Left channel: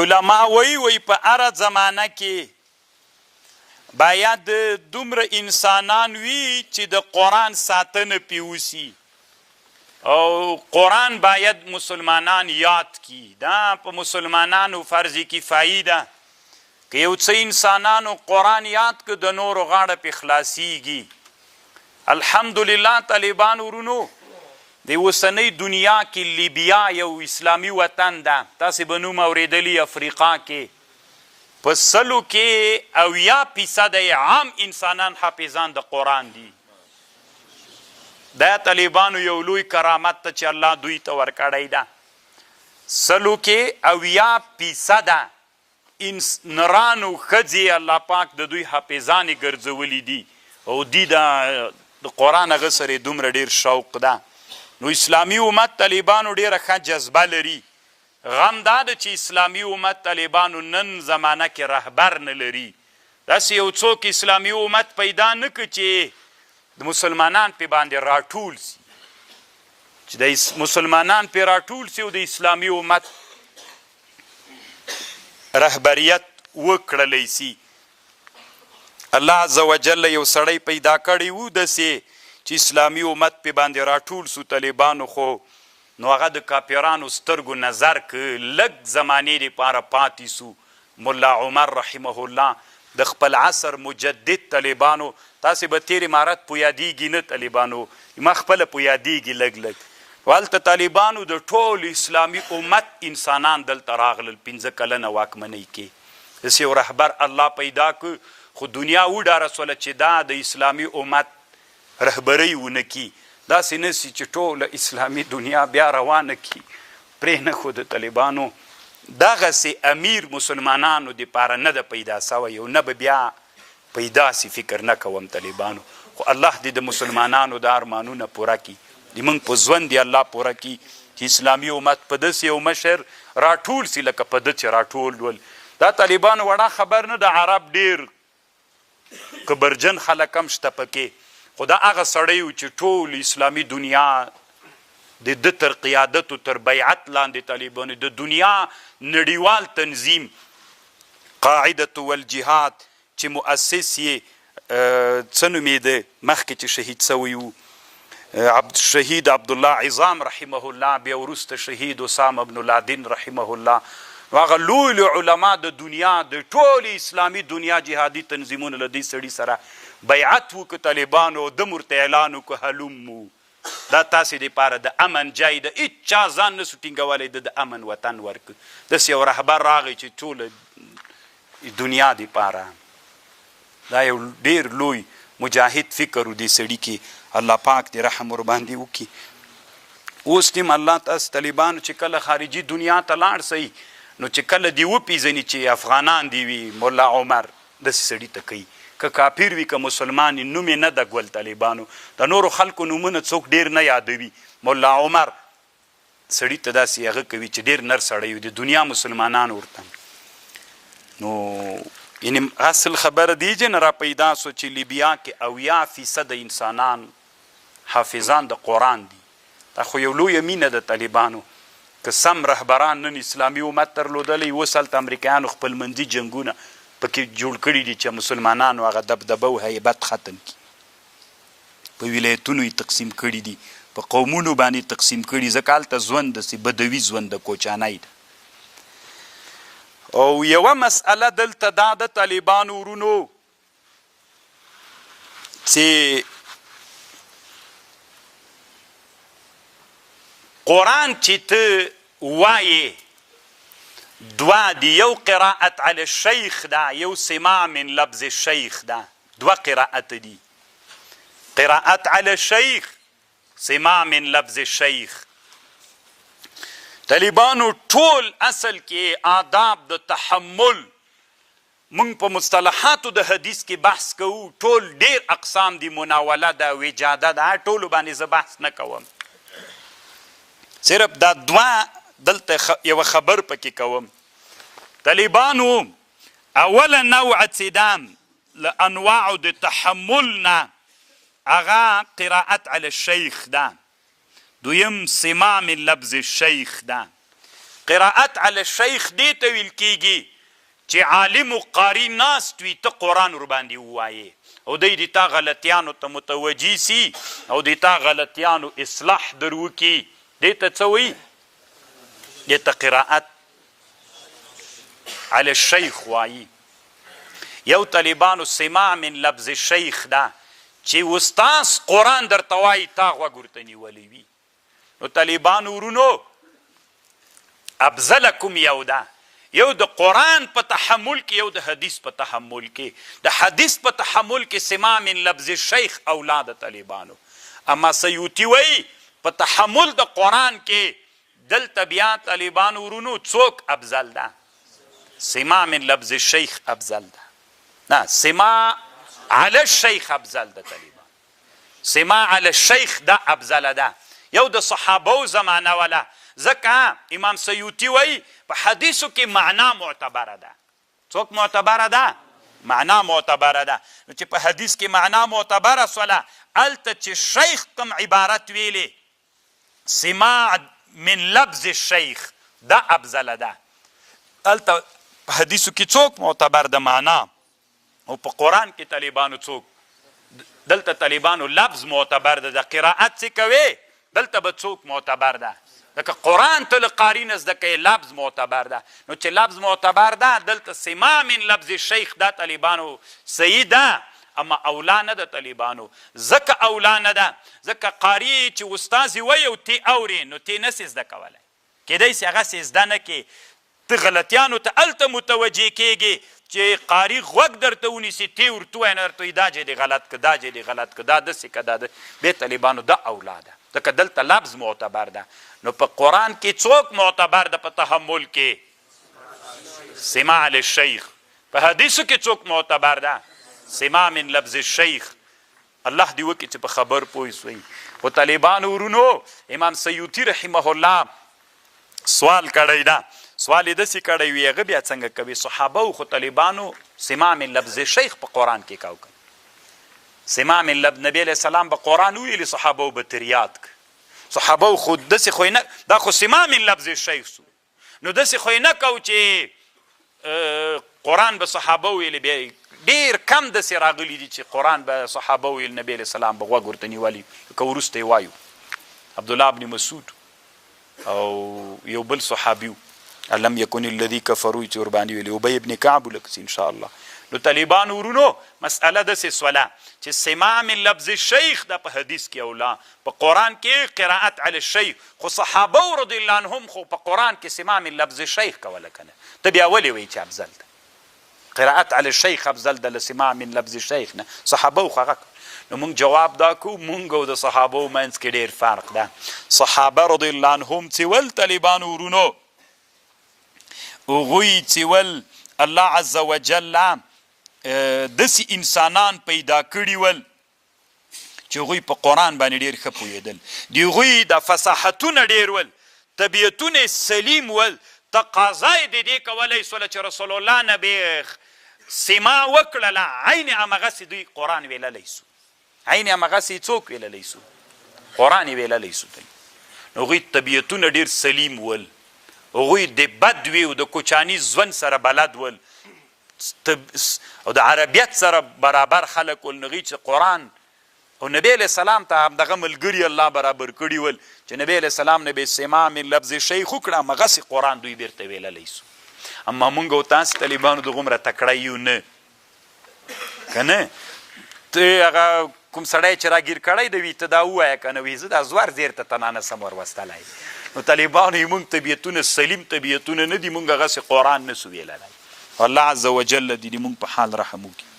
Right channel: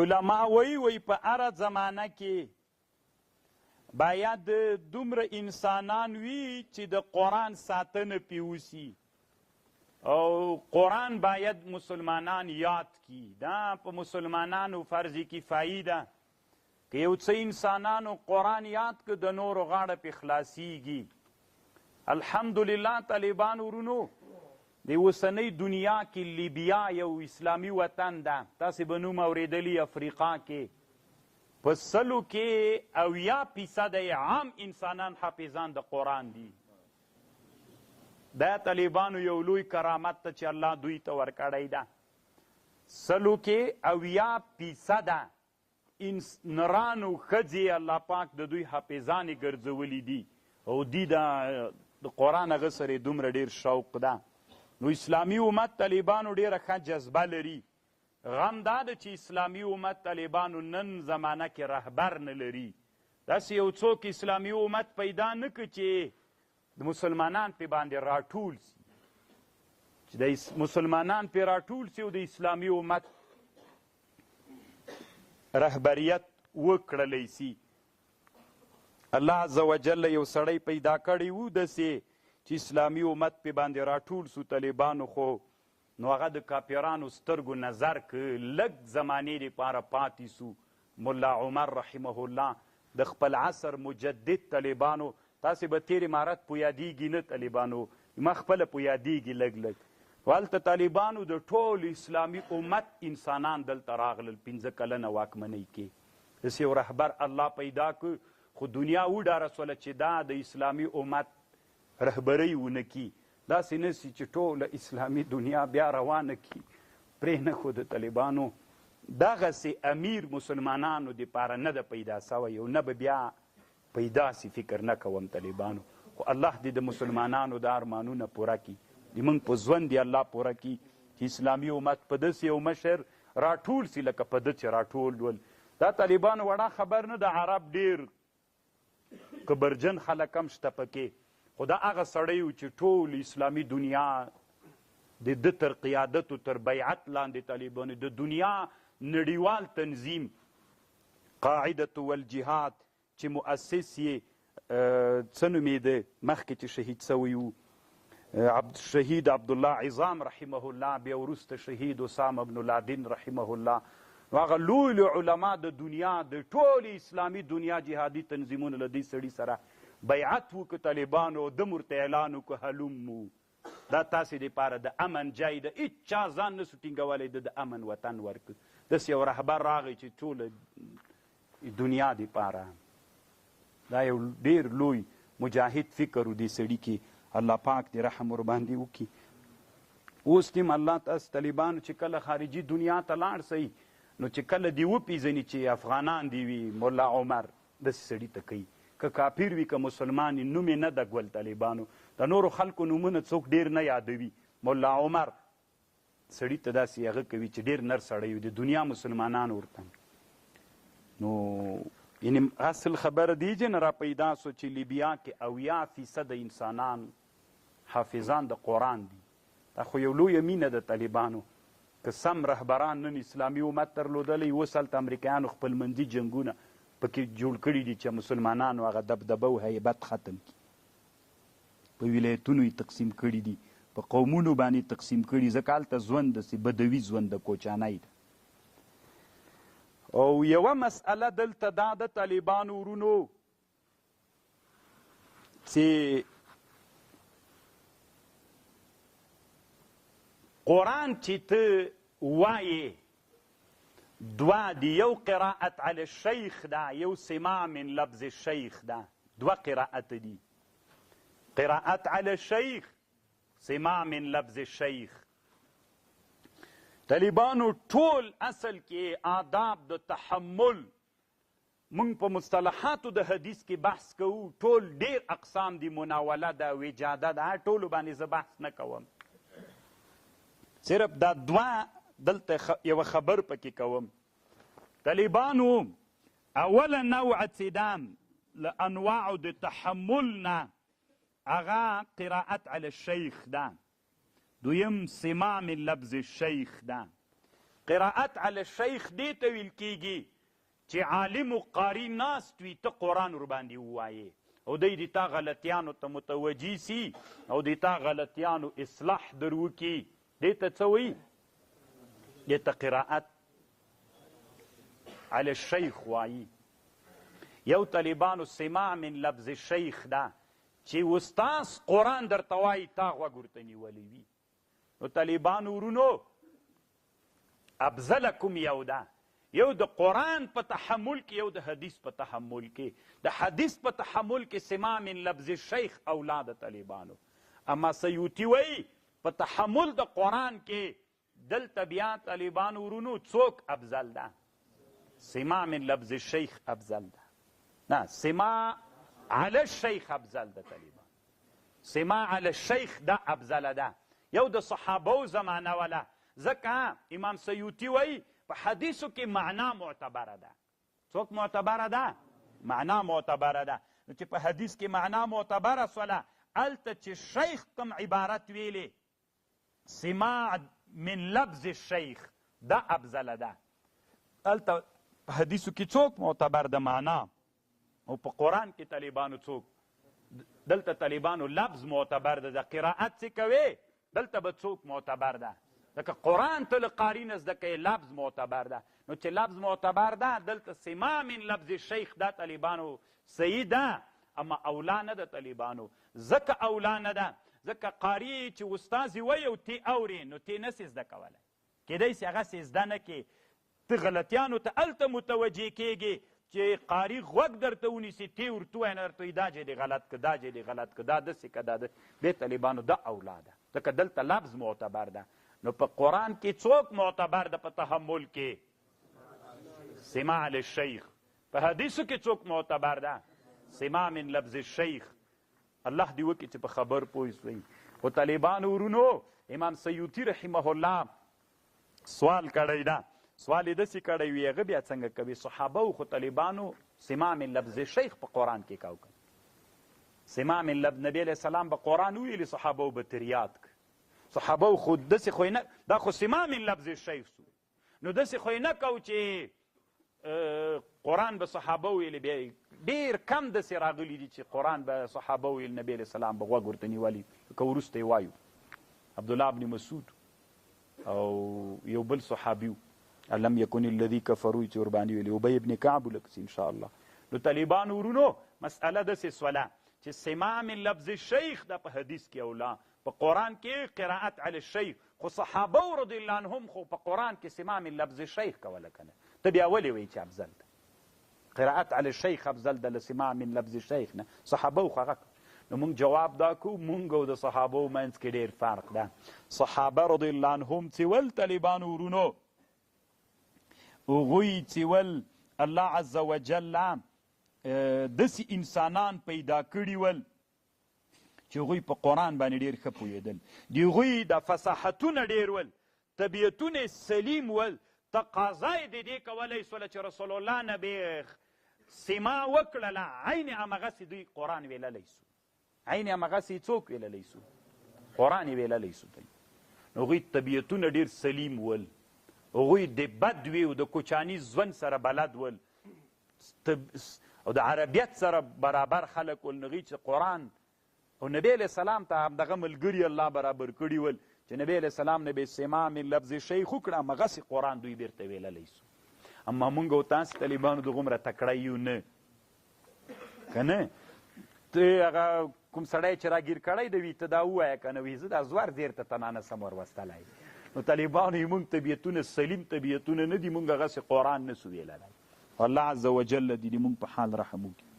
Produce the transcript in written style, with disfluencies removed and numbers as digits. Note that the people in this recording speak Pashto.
علما وی په هره زمانه کې باید دومره انسانان وي چې د قرآن ساتنه پې وسي او قرآن باید مسلمانان یاد کی. دا په مسلمانانو فرض کفایي ده که یو څه انسانانو قرآن یاد که د نورو غاړه پې خلاصیږي. الحمدلله طالبان ورونو د اوسنۍ دنیا کې لیبیا یو اسلامي وطن ده، تاسې به نوم اورېدلي افریقا کې په 100 کې 80% عام انسانان حافظان د قرآن دي. دا طالبانو یو لوی کرامت ته چې الله دوی ته ورکړی ده. 100 کې 80% نرانو ښځې الله پاک د دوی حافظانې ګرځولي دي او دی د قرآن هغه سره دومره ډېر شوق ده. نو اسلامي امت طالبانو ډېره ښه جذبه لري. غم دا ده چې اسلامي امت طالبانو نن زمانه کې رهبر نه لري. داسې یو څوک اسلامي امت پیدا نه که چې د مسلمانان پې باندې راټول سي، چې د مسلمانان پې راټول سي او د اسلامي امت رهبریت وکړلی سي. الله عز وجل یو سړی پیدا کړی و داسې چې اسلامي امت پې باندې راټول سو طالبانو، خو نو هغه د کاپیرانو سترګو نظر که لږ زمانې دپاره پاتې سو. ملا عمر رحمه الله د خپل عصر مجدد طالبانو، تاسې به تیر امارت په یادیږي نه طالبانو، ما خپله په یادیږي لږ لږ. هلته طالبانو د ټول اسلامي امت انسانان دلته راغلل 15 کلنه واکمنۍ کې. داسې یو رهبر الله پیدا که، خو دنیا وډاره سوله چې دا د اسلامي امت رهبرۍ ونه کي. داسې نه سي چې ټوله اسلامي دنیا بیا روانه کي پرېنه. خو د طالبانو دغسې امیر مسلمانانو دپاره نه ده پیدا سوی او نه به بیا پیدا سي، فکر نه کوم طالبانو. خو الله دې د مسلمانانو د ارمانونه پوره کي، زموږ په ژوند یې الله پوره کي چې اسلامي امت په داسې یو مشر راټول سي لکه په ده چې راټول ول. دا طالبانو وړه خبر نه د عرب ډېر کبرجن خلک هم شته پکې، خو دا هغه سړی و چې ټول اسلامي دنیا د ده تر قیادت و تر بیعت لاندې طالبانو د دنیا نړیوال تنظیم قاعدة والجهاد چې مؤسس یې څه نومېده مخکې چې شهید سوی و شهید عبدالله عظام رحمه الله، بیا وروسته شهید اسامه بن لادن رحمه الله. هغه لوی لوی علما د دنیا د ټولې اسلامي دنیا جهادي تنظیمونو له دې سړي سره بیعت وکړه طالبانو، د ورته اعلان وکړه هلومو دا تاسې دپاره د امن جای ده، هېچا ځان نسو ټینګولی د امن وطن ورکړه. داسې یو رهبر راغی چې ټوله دنیا دپاره دا یو ډېر لوی مجاهد فکر و دې سړي کې. الله پاک دې رحم ورباندې وکړي. اوس دې الله تاسو طالبانو چې کله خارجي دنیا ته لاړ سئ نو چې کله دې وپېژني چې افغانان دې وي ملا عمر داسې سړي ته کوي، که کافر وي که مسلمان یې نوم یې نه ده ګول طالبانو. د نورو خلکو نومونه څوک ډېر نه یادوي، ملا عمر سړي ته داسې هغه کوي چې ډېر نر سړی وي د دنیا مسلمانان ورته. نو یعنې اصل خبره دیجې نه را پیدا سو چې لیبیا کې 80% انسانان حافظان د قرآن دي. دا خو یو لویه مینه د طالبانو که سم رهبران نن اسلامي امت درلودلی. اوس هلته امریکایانو خپلمنځي جنګونه پکې جوړ کړي دي چې مسلمانانو هغه دبدبه و هیبت ختم کړي. په ولایتونو یې تقسیم کړي دي، په قومونو باندې تقسیم کړي، ځکه هلته ژوند داسې بدوي ژوند د کوچانۍ ده. او یوه مسئله دلته دا د طالبانو ورونو چې قرآن چې ته وایې دوه دي، یو قراءت علی الشیخ ده، یو سماع من لفظ الشیخ ده، دوه قراءت دي. قراءت علی الشیخ، سماع من لفظ الشیخ. طالبانو ټول اصل کې آداب د تحمل موږ په مصطلحاتو د حدیث کې بحث کوو، ټول ډېر اقسام دي، مناوله ده، وجاده ده، ټولو باندې زه بحث نه کوم، صرف دا دوه دلته یوه خبر پکې کوم. طالبانو اوله نوع چې ده له انواعو د تحمل نه هغه قراءت علی الشیخ ده، دویم سماع من لفظ الشیخ ده. قراءت علی الشیخ دې ته ویل کیږي چې عالم و قاری ناست وي ته قرآن ورباندې ووایې او دی د تا غلطیانو ته متوجي سي او د تا غلطیانو اصلاح در وکړي دې ته څه وایي دې ته قراءت علی الشیخ وایي یو طالبانو سماع من لفظ الشیخ ده چې استاذ قرآن درته وایي تا غوږ ورته نیولی وي نو طالبانو ورونو افضلکم یو ده یو د قرآن په تحمل کې یو د حدیث په تحمل کې د حدیث په تحمل کې سماع من لفظ الشیخ اولاد طالبانو اما سیوطي وایي په تحمل د قرآن کې دلته بیا طالبانو ورونو څوک افضل ده سماع من لفظ الشیخ افضل ده نه سماع علی الشیخ افضل ده طالبان سماع علی الشیخ ده افضل ده یو د صحابو زمانه ولا ځکه امام سیوطي وایي په حدیثو کې معنا معتبره ده څوک معتبره ده معنا معتبره ده نو چې په حدیث کې معنا معتبره سوله هلته چې شیخ کوم عبارت ویلې سماع من لفظ الشیخ ده افضل ده هلته په حدیثو کې څوک معتبر ده معنا او په قرآن کې طالبانو څوک دلته طالبانو لفظ معتبر ده د قراءت څه کوي دلته به څوک معتبر ده لکه قرآن ته له قاري نه زده کوي لفظ معتبر ده نو چې لفظ معتبر ده دلته سماع من لفظ الشیخ دا طالبانو صحیح ده اما اولا نه ده طالبانو ځکه اولا نه ده ځکه قاري چې استاذ وایي او تی اورې نو تی نسې زده کولی کیدای سي هغسې زده نه کې ته غلطیانو ته هلته متوجه کیږي چې قاري غوږ درته ونیسي تی ورته وایي نه درته وایي دا جې دې غلط که دا جې دې غلط که دا داسې که دا بې طالبانو دا اولا ده ځکه دلته لفظ معتبر ده نو په قرآن کې څوک معتبر ده په تحمل کې سماع للشیخ په حدیثو کې څوک معتبر ده سماع من لفظ الشیخ الله دې وکړي چې په خبر پوه شوي خو طالبانو ورونو امام سیوطي رحمه الله سوال کړی ده سوال یې داسې کړی وي هغه بیا څنګه کوي صحابه خو طالبانو سماع من لفظ الشیخ په قرآن کې کاو سماع من لفظ نبی علیه السلام به قرآن ویلي صحابه به تریاد صحابه خو داسې خو نه دا خو سماع من لفظ الشیخ سو نو داسې خو نه کو چې قرآن به صحابه ویلي بیا ډېر کم داسې راغلي دي چې قرآن به صحابه ویل نبی علیه السلام به غوږ ورته نیولي که وروسته یې وایو عبدالله بن مسعود او یو بل صحابي لم یکن الذي کفروا چې ورباندې ویلي ابی ابن کعب ولکسي انشاءالله نو طالبانو ورونو مسئله داسې سوله چې سماع من لفظ الشیخ دا په حدیث کې اولا په قرآن کې قراءت علی الشیخ خو صحابه رضی الله عنهم خو په قرآن کې سماع من لفظ الشیخ کوله کنه ته بیا ولې وایي چې افضل ده قراءت علی الشیخ افضل ده له سماع من لفظ الشیخ نه صحابه خو هغه نو موږ جواب دا کو موږ او د صحابه منځ کې ډېر فرق ده صحابه رضی الله عنهم چې ول طالبانو ورونو هغوی چې ول الله عز وجل داسې انسانان پیدا کړي ول چې هغوی په قرآن باندې ډېر ښه پوهېدل د هغوی د فصاحتونه ډېر ول طبیعتونه سلیم ول تقاضا یې د دې کولی سوله چې رسول الله نه بې سماع وکړله عین همغسې دوی قرآن ویللی سو عین همغسې څوک ویللی سو قرآن یې ویللی سو نو هغوی طبیعتونه ډېر سلیم ول هغوی د بد وي او د کوچاني ژوند سره بلد ول او د عربیت سره برابر خلک ول نغوی چې قرآن او نبی علیه السلام ته همدغه ملګري الله برابر کړي ول چې نبی علیه السلام نه به سماع من لفظ شیخ وکړه همغسې قرآن دوی بیرته ویللی سو اما مونږ او تاسې طالبانو دغومره تکړه یو نه که نه ته هغه کوم سړی چې راګیر کړی د وي ته دا ووایه که نه وي زه دا زوار زیر ته تنه نسم وروستلی نو طالبانو یې مونږ طبیعتونه سلیم طبیعتونه نه دي مونږ هغسې قرآن نه سو ویللی الله عز وجل دې مونږ په حال رحم وکړي